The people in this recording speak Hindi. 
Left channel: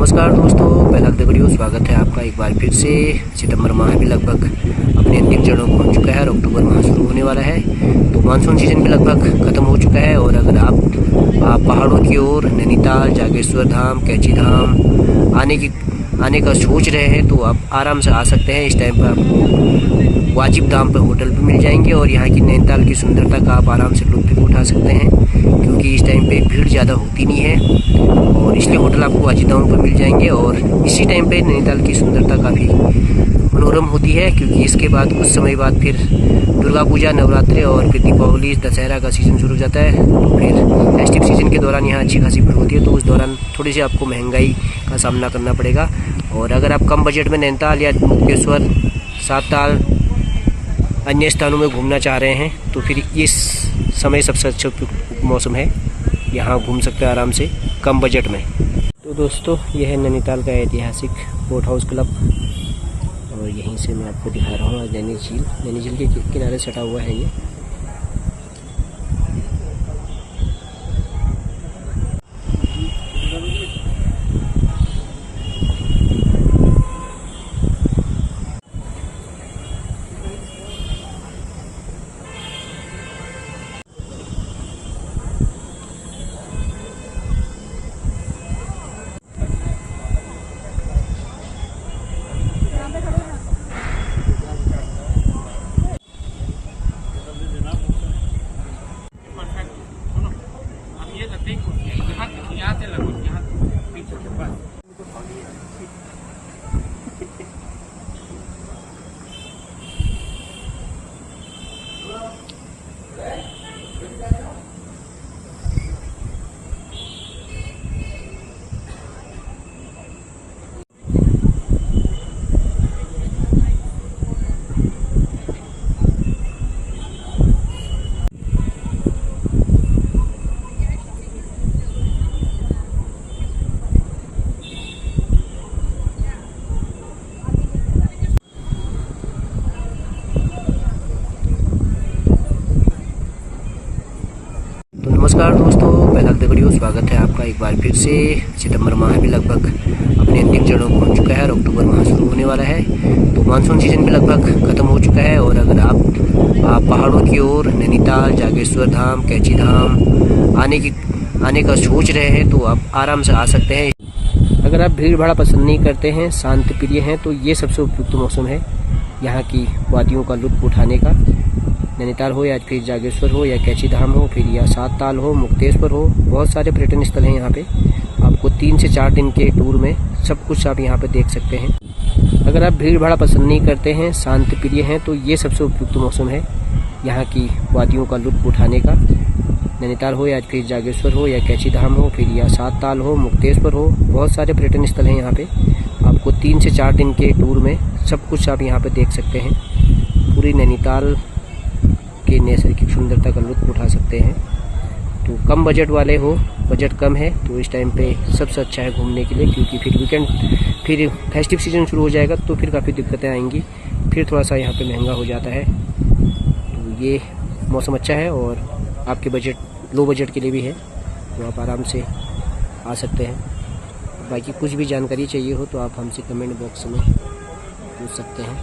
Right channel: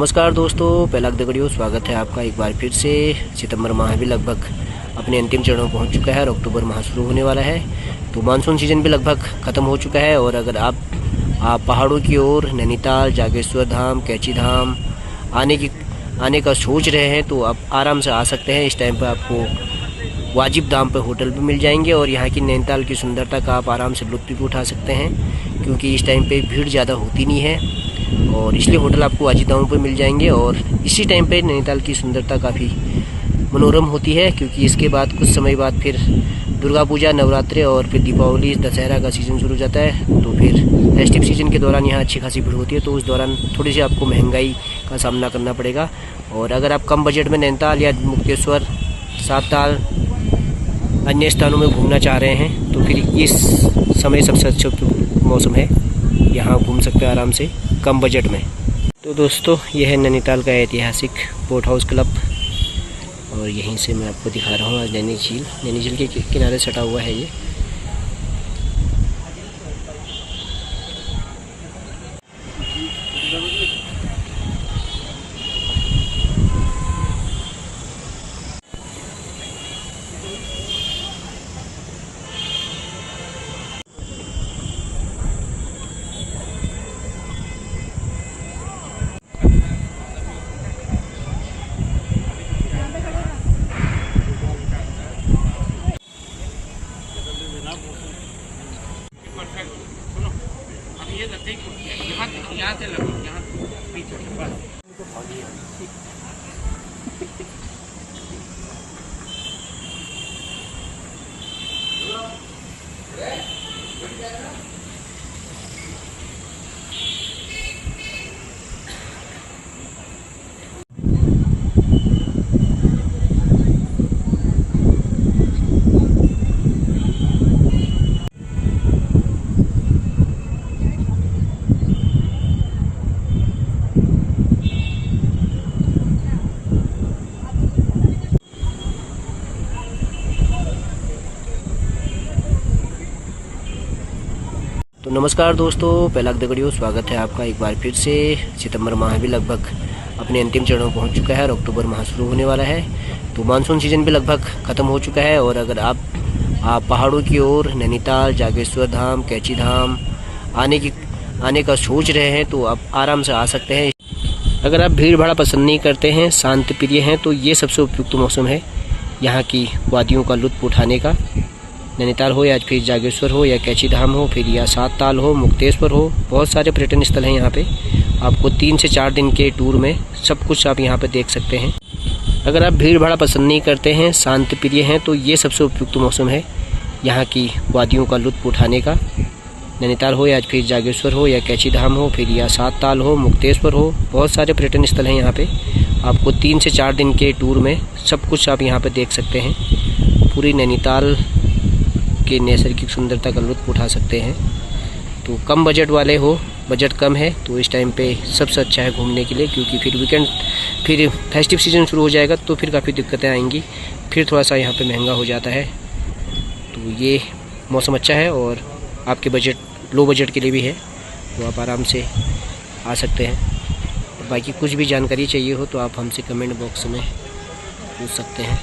नमस्कार दोस्तों, पहला दगड़ियों स्वागत है आपका एक बार फिर से। सितंबर माह भी लगभग अपने अंतिम चरणों में पहुंच चुका है और अक्टूबर माह शुरू होने वाला है, तो मानसून सीजन भी लगभग ख़त्म हो चुका है। और अगर आप पहाड़ों की ओर नैनीताल, जागेश्वर धाम, कैची धाम आने का सोच रहे हैं तो आप आराम से आ सकते हैं। इस टाइम पर आपको वाजिब दाम पर होटल भी मिल जाएंगे और यहाँ की नैनीताल की सुंदरता का आप आराम से लुत्फ़ भी उठा सकते हैं, क्योंकि इस टाइम पे भीड़ ज़्यादा होती नहीं है और इसलिए होटल आपको वाजिब दामों पर मिल जाएंगे। और इसी टाइम पे नैनीताल की सुंदरता काफ़ी मनोरम होती है, क्योंकि इसके बाद कुछ समय बाद फिर दुर्गा पूजा, नवरात्रि और फिर दीपावली, दशहरा का सीज़न शुरू हो जाता है। तो फिर फेस्टिव सीज़न के दौरान यहाँ अच्छी खासी भीड़ होती है, तो उस दौरान थोड़ी सी आपको महंगाई का सामना करना पड़ेगा। और अगर आप कम बजट में नैनीताल या मुक्तेश्वर, सातताल अन्य स्थानों में घूमना चाह रहे हैं तो फिर इस समय सबसे अच्छा मौसम है, यहाँ घूम सकते हैं आराम से कम बजट में। तो दोस्तों, यह है नैनीताल का ऐतिहासिक बोट हाउस क्लब और यहीं से मैं आपको दिखा रहा हूँ आज नैनी झील के किनारे सटा हुआ है ये। तो नमस्कार दोस्तों, पहला दगड़ियों स्वागत है आपका एक बार फिर से। सितंबर माह भी लगभग अपने अंतिम चरणों में पहुंच चुका है और अक्टूबर माह शुरू होने वाला है, तो मानसून सीजन भी लगभग ख़त्म हो चुका है। और अगर आप पहाड़ों की ओर नैनीताल, जागेश्वर धाम, कैची धाम आने का सोच रहे हैं तो आप आराम से आ सकते हैं। अगर आप भीड़ भाड़ पसंद नहीं करते हैं, शांत प्रिय हैं, तो ये सबसे उपयुक्त मौसम है यहाँ की वादियों का लुत्फ़ उठाने का। नैनीताल हो या फिर जागेश्वर हो या कैची धाम हो, फिर या सातताल हो, मुक्तेश्वर हो, बहुत सारे पर्यटन स्थल हैं यहाँ पे। आपको 3 से 4 दिन के टूर में सब कुछ आप यहाँ पे देख सकते हैं। अगर आप भीड़ भाड़ पसंद नहीं करते हैं, शांत प्रिय हैं, तो ये सबसे उपयुक्त मौसम है यहाँ की वादियों का लुत्फ़ उठाने का। नैनीताल हो या फिर जागेश्वर हो या कैची धाम हो, फिर या सातताल हो, मुक्तेश्वर हो, बहुत सारे पर्यटन स्थल हैं यहाँ पे। आपको 3 से 4 दिन के टूर में सब कुछ आप यहाँ पे देख सकते हैं। पूरी नैनीताल के नैसर्गिक सुंदरता का लुत्फ़ उठा सकते हैं। तो कम बजट वाले हो, बजट कम है, तो इस टाइम पे सबसे अच्छा है घूमने के लिए, क्योंकि फिर फेस्टिव सीज़न शुरू हो जाएगा तो फिर काफ़ी दिक्कतें आएंगी, फिर थोड़ा सा यहाँ पे महंगा हो जाता है। तो ये मौसम अच्छा है और आपके लो बजट के लिए भी है, तो आप आराम से आ सकते हैं। और बाकी कुछ भी जानकारी चाहिए हो तो आप हमसे कमेंट बॉक्स में पूछ सकते हैं।